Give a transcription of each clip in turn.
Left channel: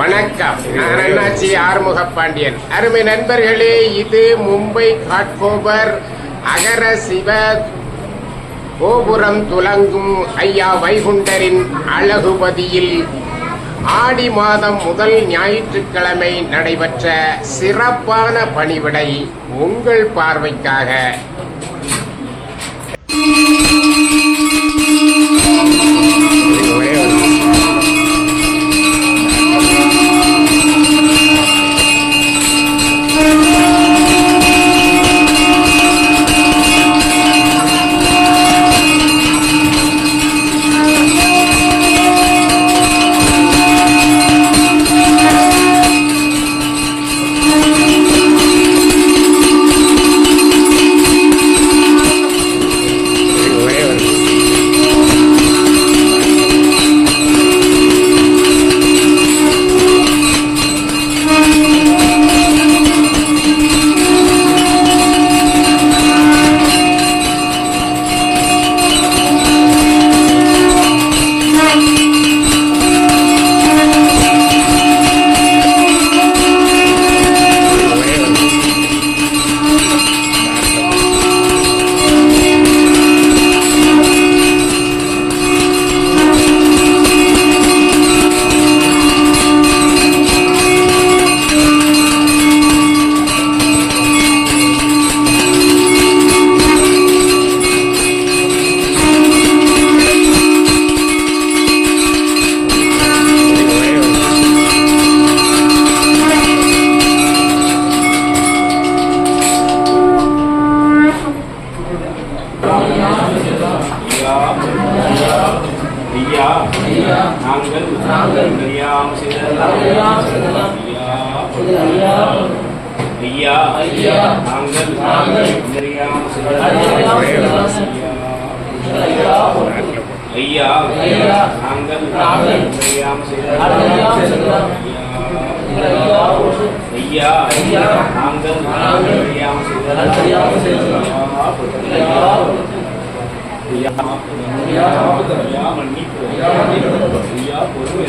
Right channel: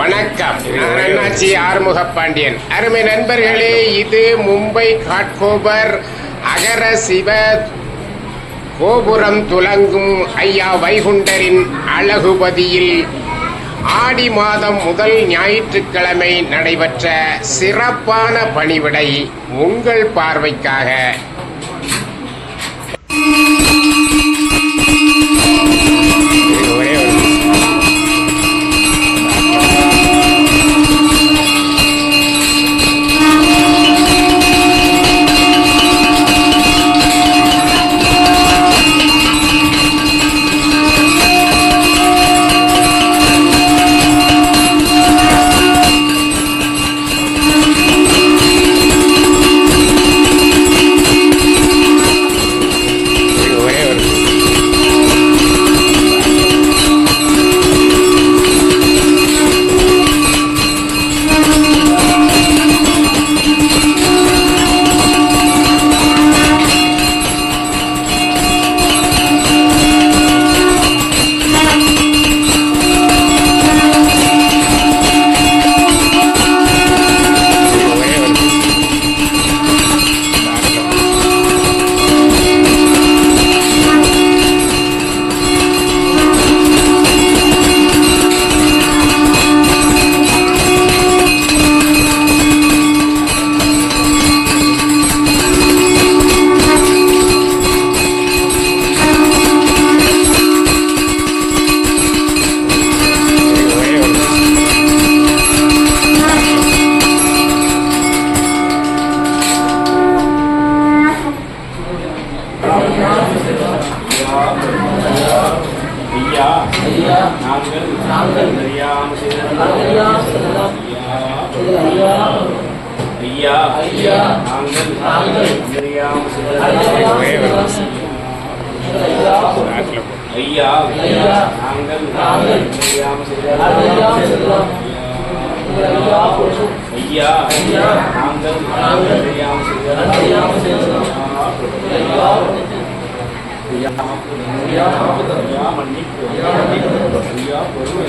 வணக்கம். நான் அண்ணாச்சி ஆறுமுக பாண்டியன். அருமை நண்பர்களே இது மும்பை காட்கோபர் அகர சிவ கோபுரம் துலங்கும் ஐயா வைகுண்டரின் அழகுபதியில் ஆடி மாதம் முதல் ஞாயிற்றுக்கிழமை நடைபெற்ற சிறப்பான பணிவிடை உங்கள் பார்வைக்காக. ஐயா நாங்கள் தெரியாம செய்ததெல்லாம் ஐயா மன்னிப்பு ஐயா பொறுமை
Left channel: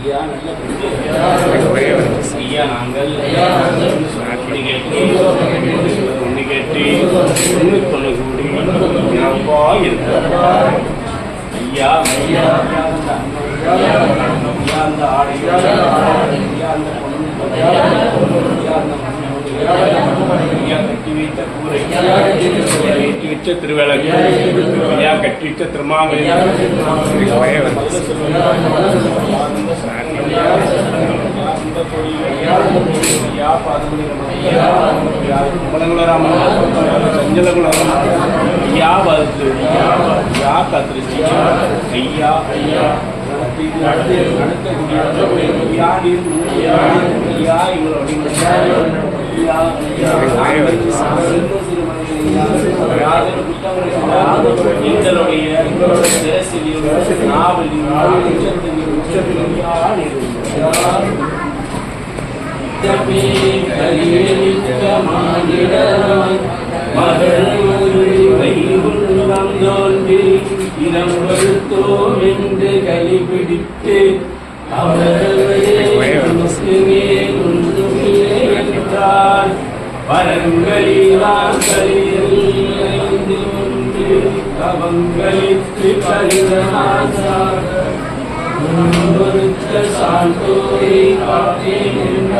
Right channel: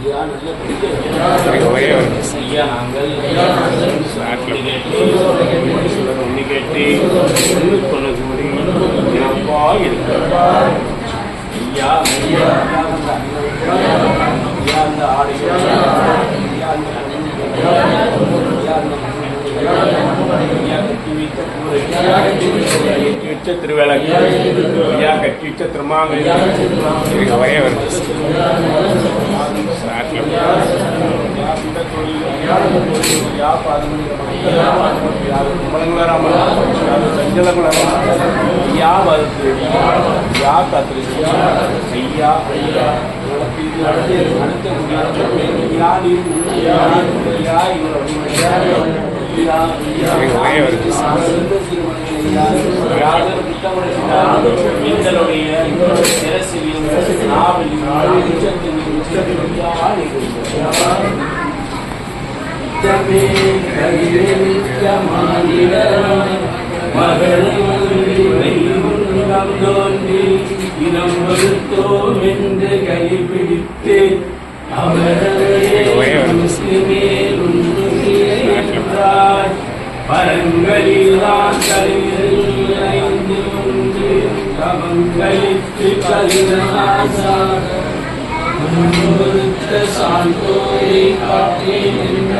ஐயா ஐயா நாங்கள் ஒன்று கேட்டு ஒன்று கேட்டு ஒன்று அப்பா ஐயா அந்த ஐயா அந்த ஆடைகள் ஐயா அந்த பொண்ணு ஐயா அந்த ஐயா கட்டி வைத்த கூரை ஐயா கட்டி வச்ச திருவிளக்கு ஐயா கட்டி எங்களுடைய சிரசிலும் நாவலிலும் உச்சத்திலும் உச்சத்திலும் நித்தமே கரிவெளிச்சமானிடமாய் மகள் இனம் வருத்தோம் என்று கைப்பிடித்து அவரவரே வரங்களிலான் கலிந்து ஒன்று கவங்களித்து கலிதமாசாக முன்வருத்த சான்றோரை காட்டேன்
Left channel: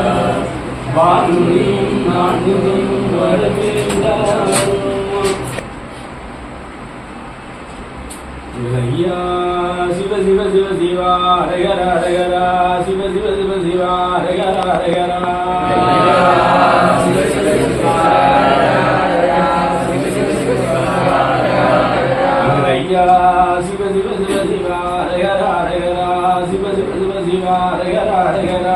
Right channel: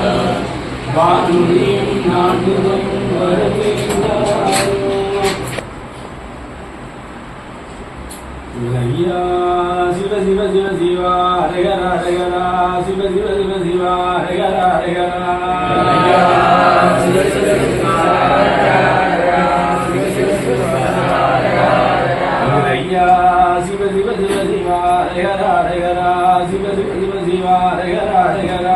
வானுரியும் நான்கும் வரவேண்டாரோ ஐயா சிவ சிவ சிவ சிவா ஹரஹர ஹரஹர சிவ சிவ சிவ சிவா ஹரஹர ஹரஹர ஐயா சிவ சிவ சிவ சிவா ஹரஹர ஹரஹர சிவ சிவ சிவ சிவா ஹரஹர ஹரஹர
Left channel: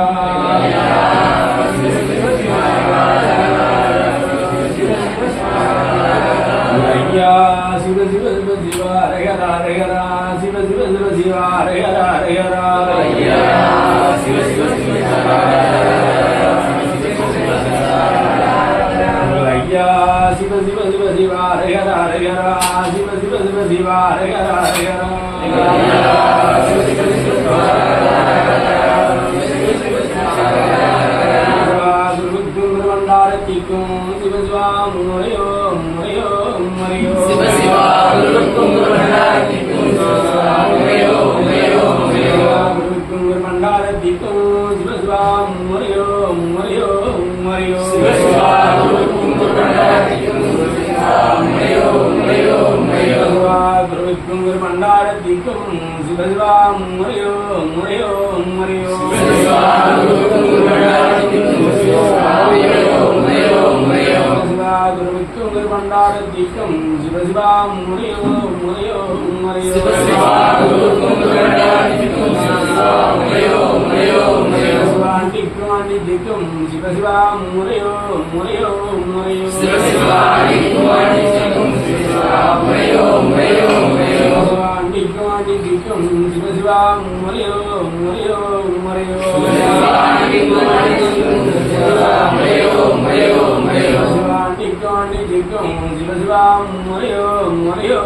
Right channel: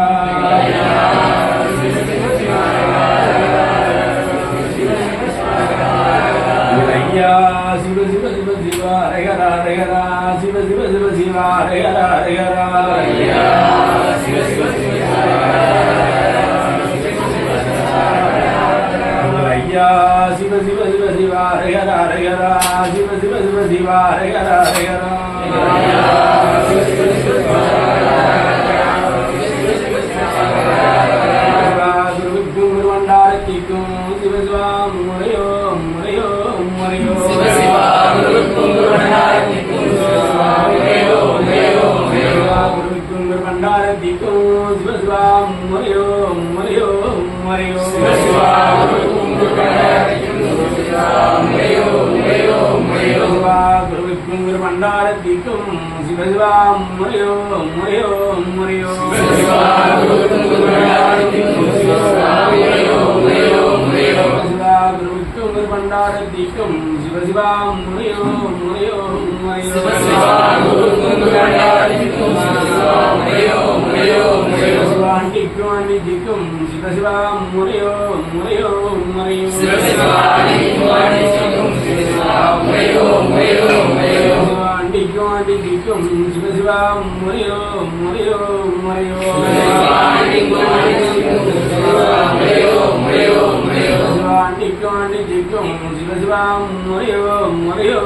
சிவசிவா முறையோ முறையோ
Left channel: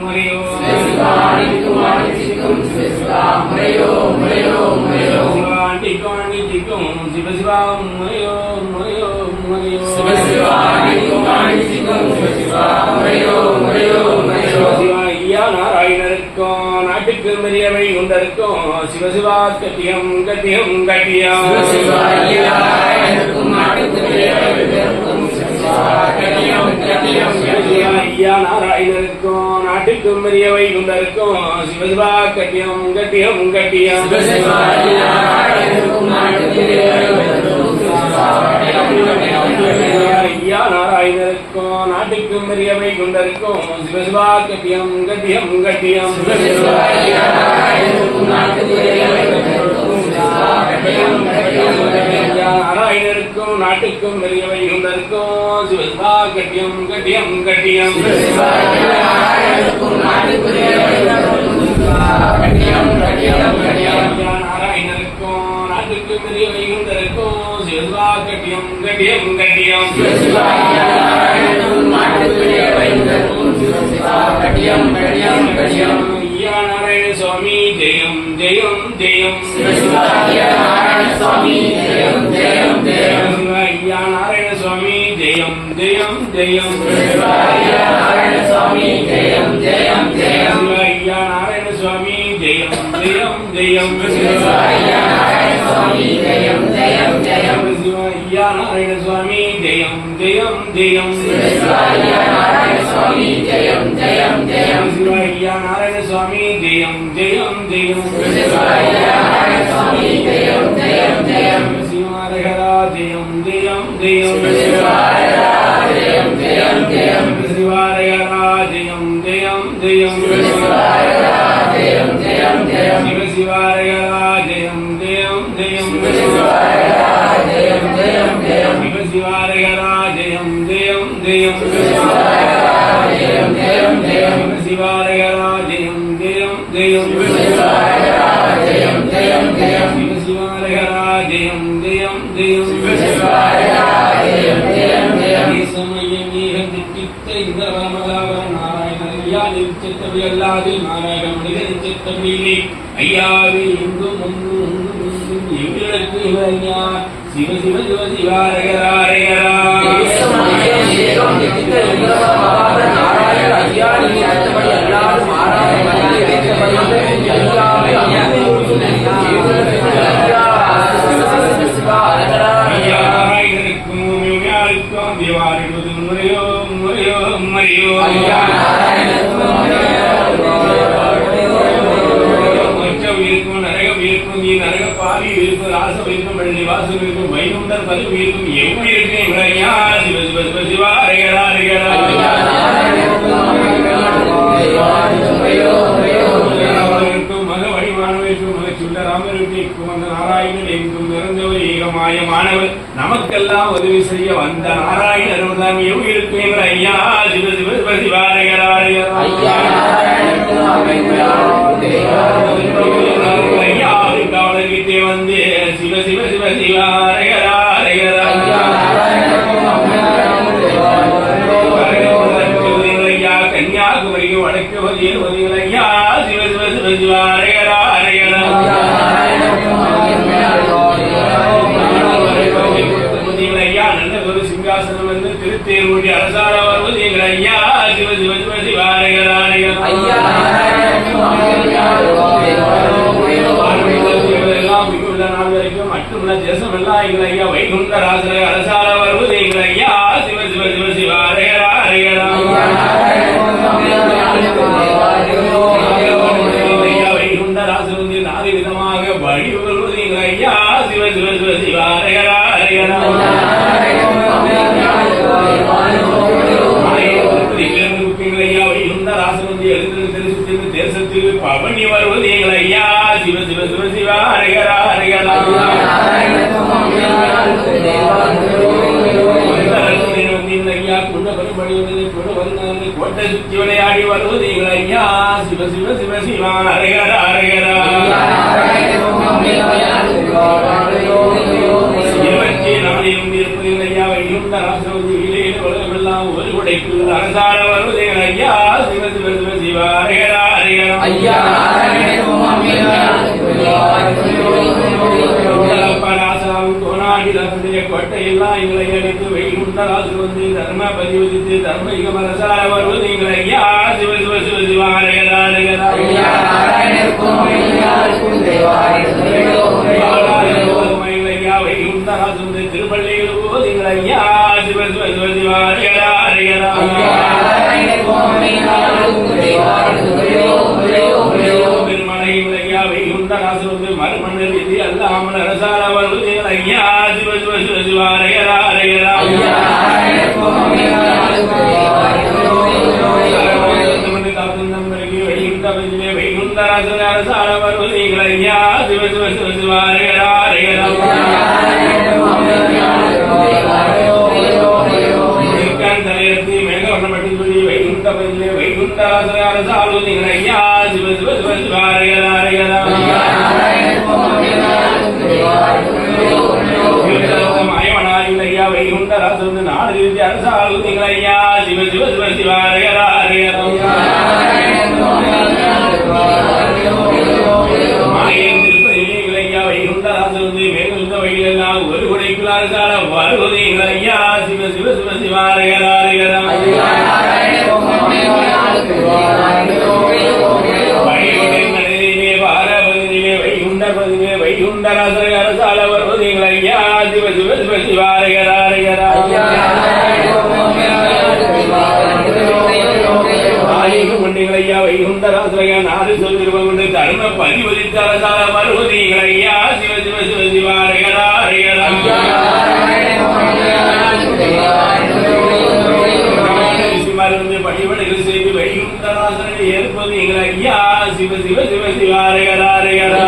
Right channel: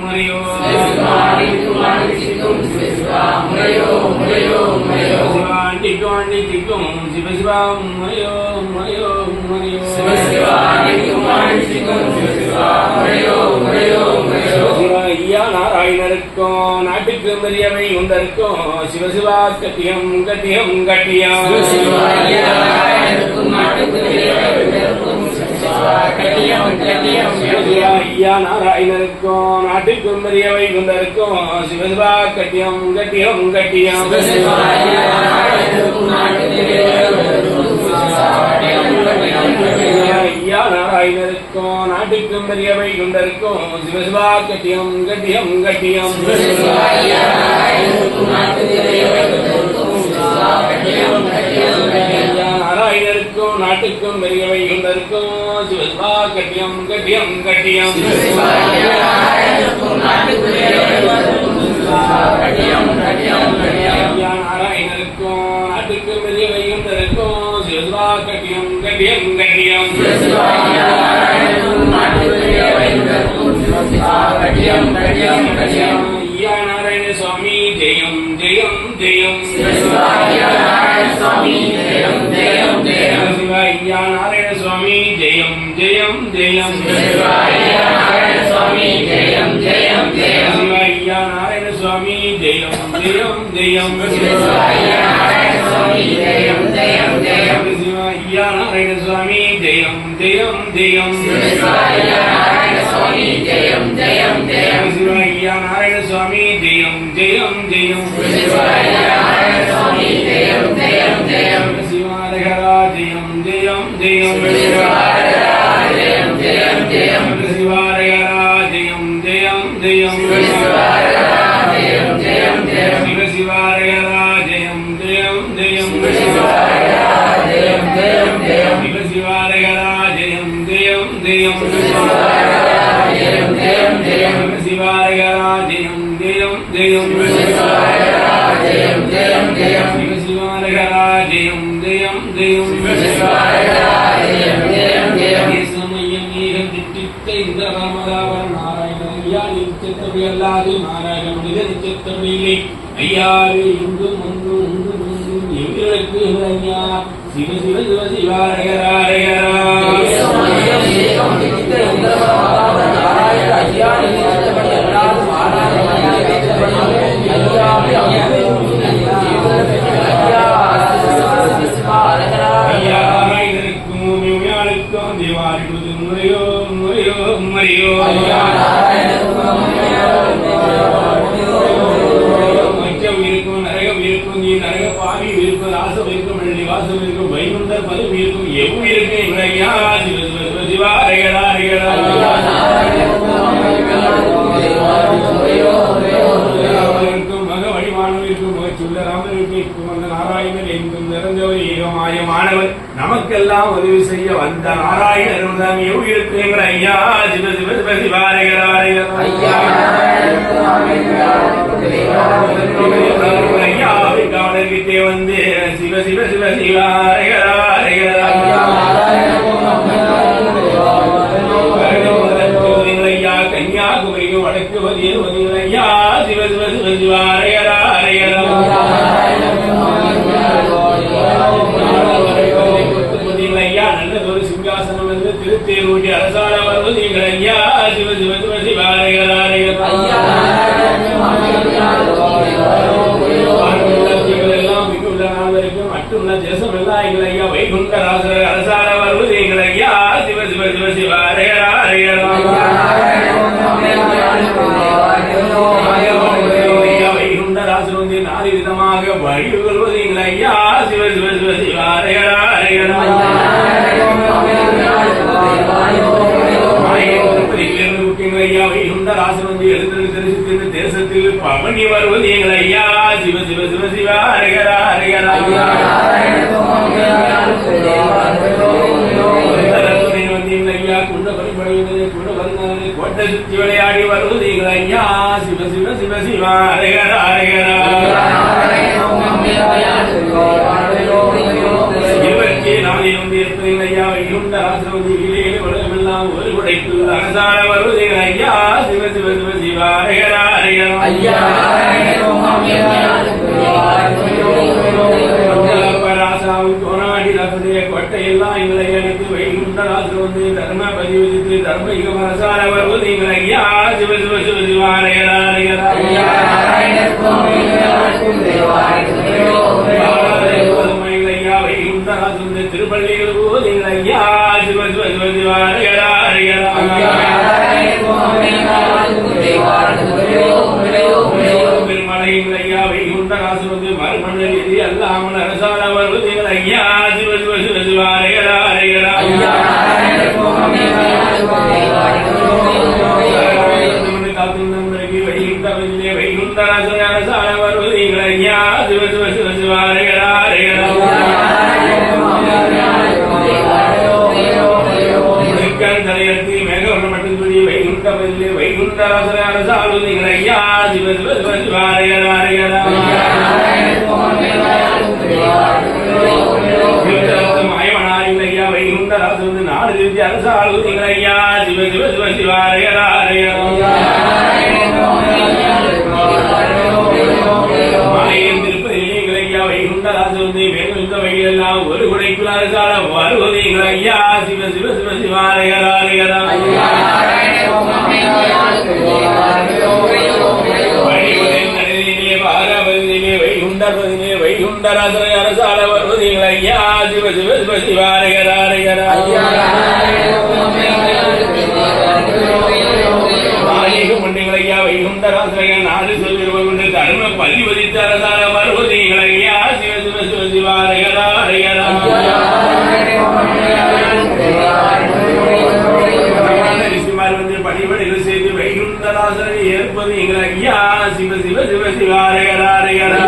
முறையோ சிவாண்டிக்கும் ஆண்டிக்கும் சிவசிவா முறையோ முறையோ முறையோ சிவாண்டிக்கும் ஆண்டிக்கும் சிவசிவா முறையோ முறையோ முறையோ சிவா நாராயணருக்கும் நாட்டுக்கு பெரியவை உண்டருக்கும் சிவசிவா கட்டியம் கட்டியம் கட்டியம் ஐயா நாராயணருக்கும் நாட்டுக்கும் பெரியவை உண்டருக்கும் சிவசிவா கட்டியம் கட்டியம் கட்டியம் ஐயா நாராயணருக்கும் நாட்டுக்கும் பெரியவை கொண்டிருக்கும் சிவசிவா கட்டியம் கட்டியம் கட்டியம் ஐயா நாட்டுக்கும் பெரியவை கொண்டிருக்கும் சிவசிவா கட்டியம். கட்டியம் கட்டியம். ஐயா நாராயணருக்கும் நாட்டுக்கும் பெரியவை குண்டருக்கும் சிவசிவா கட்டியம் கட்டியம் கட்டியம். ஐயா நாராயண சுவாமி ஜெயம் ஜெயம் ஜெயம் சிவா ஐயா நாராயண சுவாமி ஜெயம் ஜெயம் ஜெயம் சிவா ஐயா நாராயண சுவாமி ஜெயம் ஜெயம் ஜெயம் சிவா ஐயா நாராயண சுவாமி ஜெயம் ஜெயம் ஜெயம் சிவா ஐயா நாராயண சுவாமி ஜெயம் ஜெயம் ஜெயம் சிவா ஐயா நாராயண சுவாமி ஜெயம் ஜெயம் ஜெயம் சிவா ஐயா நாராயண சுவாமி ஜெயம் ஜெயம் ஜெயம் சிவா ஐயா நாராயண சுவாமி ஜெயம் ஜெயம் ஜெயம் சிவா ஐயா நாராயண சுவாமி ஜெயம் ஜெயம் ஜெயம் சிவா ஐயா நாராயண சுவாமி ஜெயம் ஜெயம் ஜெயம் சிவாரகரா ஜெயம் ஜெயம் ஜெயம் சிவாரகரா ஜெயம் ஜெயம் ஜெயம் ஜெயம் ஜெயம் ஜெயம் ஜெயம் ஜெயம் ஜெயம் சிவாரகரா ஜெயம் ஜெயம் சமயம் நீக திட்டித்த இந்த ராமதாவ நாராயண ஐயா நிச்சத்தபடி மிக நிச்சத்தபடியிலே ஐயாவே இன்றும் ஒன்றும் ஒன்றும் ஒன்றும் எங்களுக்கு சிவ சிவ சிவ சிவாரகராரகரா ஐயா இருக்கும் நரகம் இருக்கும் நீ நரக பாவி இருக்கும் ராசம் இருக்கும் வெள்ளி இருக்கும் வைகுண்டர் பதிவு இருக்கும் எவ்வளவு இருக்கும் இவரையா சிவ சிவ சிவ சிவா அரைகடா அரைகடா ஏகமாய மாணவர் நமக்கெல்லாம் உதவி செய்ய வந்த நாராயணர் தான் எவ்விருக்கும் எங்கள் ஐயா சிவ சிவ சிவ சிவாரைகராரையர் ஐயா. ஐயா காவலர்கிட்டே வந்து சிவ சிவ சிவ சிவாரைகராரையர் தேசம் ஐயா வைகுண்ட ராசர அரசால தெரிவித்து பவனி வருவது எங்கள் ஐயா சிவ சிவ சிவ சிவா ஹரஹரா ஹரஹரா ஐயா குண்ட பரிமணிவது குண வருநாது கோட்டை சுற்றி விளையாடி வருவது எங்கள் ஐயா சிவ சிவ சிவ சிவா ஹரஹரா ஹரஹரா ஒரு குடைக்கு அரசார ஐயா சிவ சிவ சிவ சிவா ஹரஹரா ஹரஹரா ராசாவும் தோணாடிதாசனுடைய கோட்டையெல்லாம் எங்களை அழைத்து வைகுண்டராசு வந்து தர்ம பதிவித்து தர்ம அரசார வருவது எங்கள் ஐயா சிவ சிவ சிவ சிவா ஹரஹரா திருப்பள்ளியில் போது எங்கள் ஐயா சிவ சிவ சிவ சிவா எல்லாம் ஒரு குடைக்குள் அரசால ஐயா சிவ சிவ சிவ சிவா ஹரஹரா வழிகுடைகளிலே பாரபதியிலே வைகுண்டபதியிலே அரசால வருவது ஐயா சிவ சிவ சிவ சிவா ஐயா வைகுண்டராசனைய நாடு சொல்லிருவ தர்ம பதிவதித்த அரசால ஐயா சிவ சிவ சிவ சிவா ஹரஹரா ரிஷிமார்கள் பணிபடைகள் செய்து வைகுண்டராசனை ஏற்பது எங்கள் ஐயா சிவ சிவ சிவ சிவா ஹரஹரா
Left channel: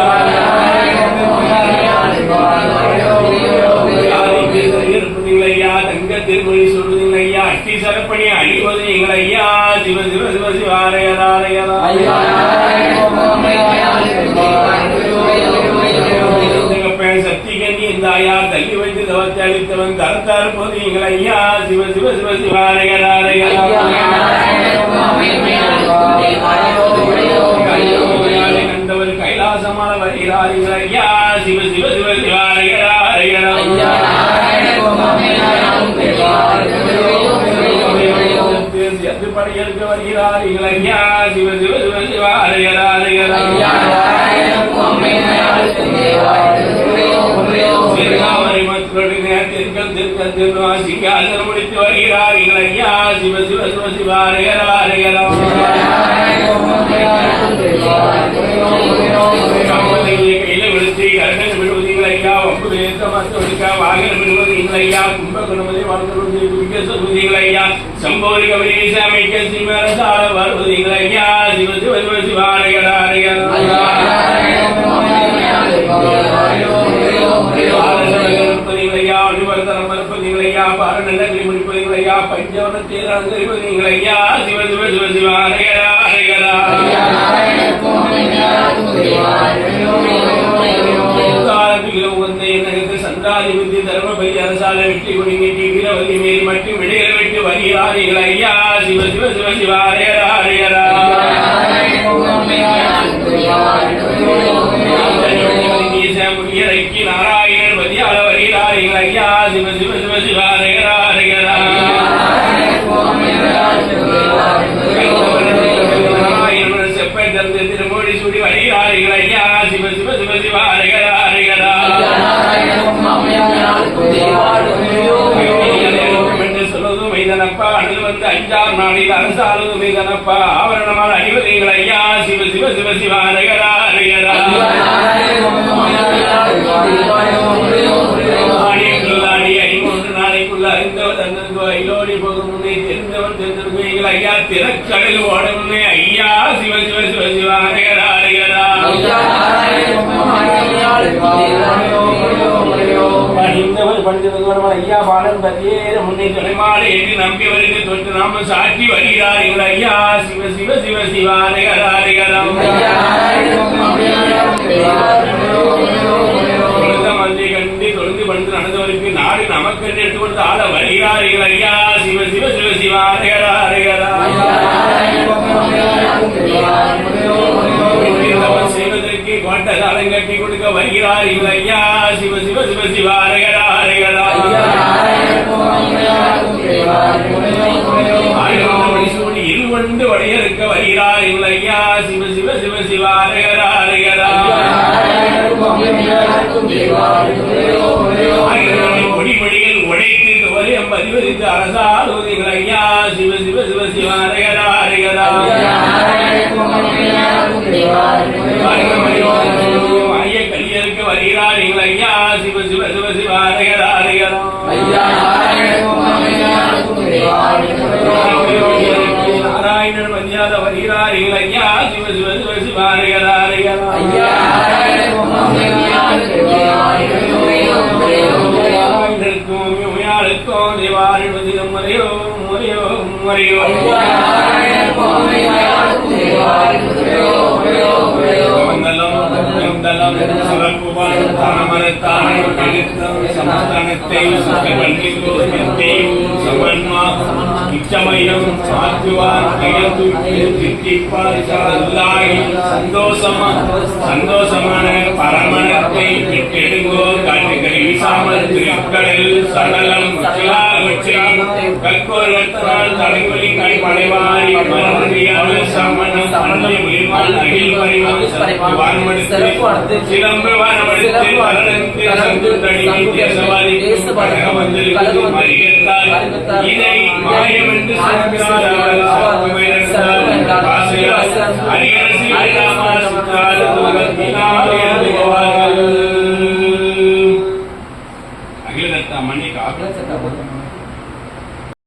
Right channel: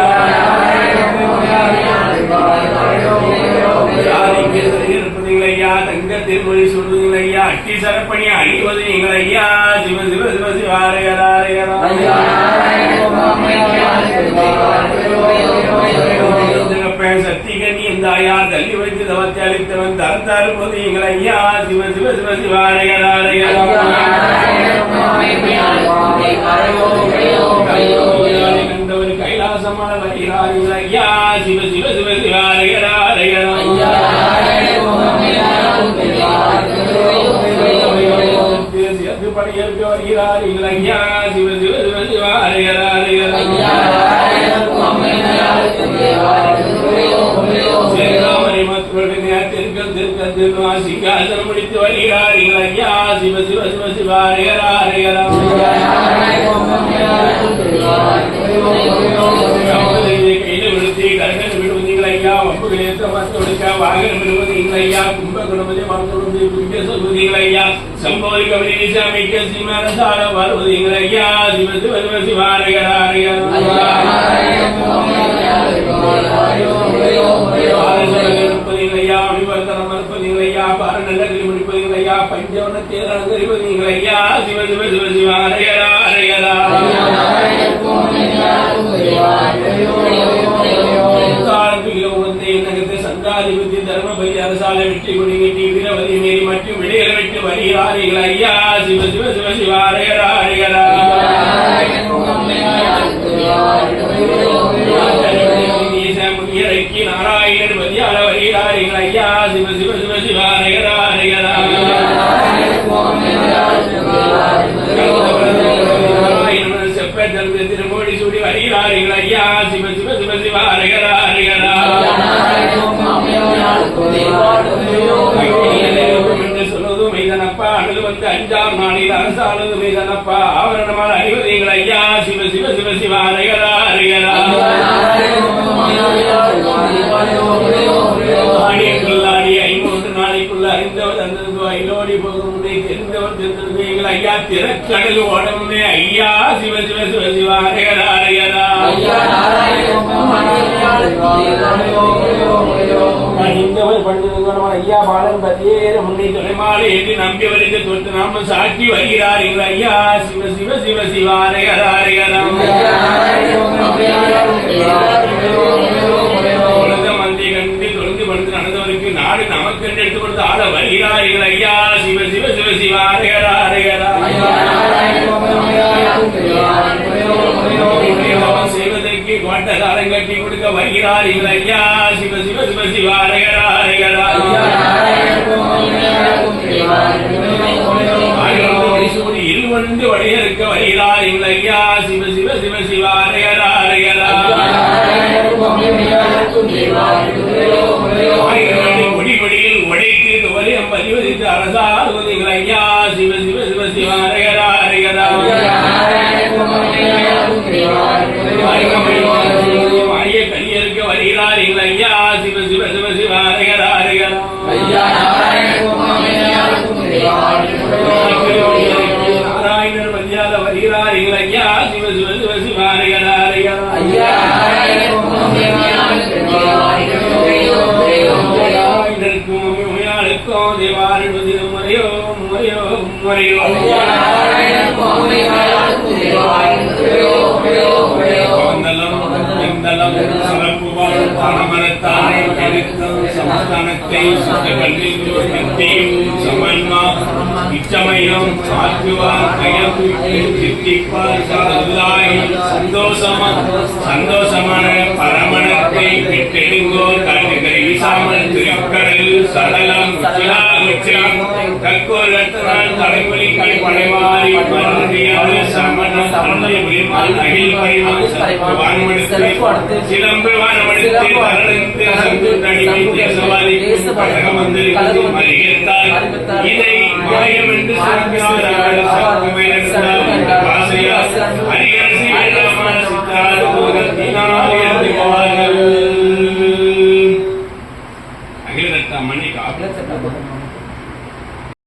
ஜாதிக்கு இருப்பது எங்கள் ஐயா தங்க திருமொழி சொல்வது எங்கள் ஐயா அட்டி சரப்பணி அணிவது எங்கள் ஐயா சிவ சிவ சிவ சிவா ஹரஹரா தகப்பன் தள்ளி வைத்து தவத்தை அளித்தவன் தரத்தார் போது எங்கள் ஐயா சிவ சிவ சிவ சிவா கண்டவர் கைலாசமான வருகிறார் எங்கள் ஐயா சிவ சிவ சிவ சிவா ஹரஹரா படையெடுக்க வருகிறார் எங்கள் ஐயா சிவ சிவ சிவ சிவா ஹரஹரா ஹரஹரா சேனாமணி மக்களுடைய தெற்கல் தெற்கல் திருவாசிக்கால் முடித்து வருகிறார். ஐயா சிவ சிவ சிவ சிவா ஹரஹரா விழுத்தி கரகல் விடுவது ஐயா ஒன்பது ஏற்ற மத்து வாகனம் விடுவது ஐயா கும்ப குணமதி வாழ்க்கை குடிக்க ஐயா. அமைக்க ஐயா. சிவ சிவ சிவ வெற்றி கொடி நீட்டி வீரவதி மேல் மற்றும் விடையர் வெட்டு வருகிறார்கள் ஐயா. சிவ சிவ சிவ சிவ சிவ சிவ சிவாரகரா ஹரகரா செப்பந்தந்து திருமொழி சுடி வரிகாரிகள் ஐயா சிவ சிவ சிவ சிவாரகரா ஹரகரா மைதனப்பா அணில் வந்து அஞ்சாம் நாளில் அரசாளது சிவ சிவ சிவ சிவா ஐயா திறக்கடல் ஓட முன்னே ஐயா சிவ சிவ சிவ சிவ அரைகரா அரைகரா பணிந்தவர் பணிந்தவர் ஐயா பாலன் பதியேற முன்னே துணைமாலை என்று நம்பியவருக்கு தொட்டு நாம சாட்டி வருகிறார் எங்கள் ஐயா சிவ சிவ சிவ சிவ அரைகரா அரைகரா தொழுத மந்தை கண்டு தொழுந்து படுத்து நடந்தவருக்கு நாடு நமக்கென்று எடுத்து கொடுத்து ஆட வருகிறார் எங்கள் ஐயா சிவ சிவ சிவ சிவ அரைகரா செய்வதற்கு காலம் கட்டி கொடுக்க வருகிறார் எங்கள் ஐயா சிவ சிவ சிவ சிவ அரைகரா அரைகரா ஆயிரம் வடிசூடி இருவண்டு வடையறுக்க வருகிறார் ஐயா Shiva Shiva Shiva Shiva பதிவதித்து அரசாளுவது Omriu. Mandalam, Mandalam, Sarangubar, Dhanamaratam, Kalitam, Samastanattayu, Sukhavallilu, Tanteyu, Samanma, Ichamayam, Satyuvar, Kayaku, Jittipa, Sallahi, Sandosama, Sandosamana, Paramanatte, Pettelingo, Kandigari, Samal, சடலம் வெட்டனால் தலைவலி கணி படைவாரி மருந்தியால் சமணம் தமிழ் உயிர்மால் அகில் வான்மடுத்து சிலம்பு வானமடுத்து வரடத்து சங்கு தனி தேசவாதி படகமந்திரி மறியத்தால் இதை மாயம் என்று சொல்கிறார் சக்திமை நடந்தால் ஆசையால் அரியரசி இல்லாமல் சித்தால் தூரத்தினால் எழுதுவார்கள் அகில Yes, sir.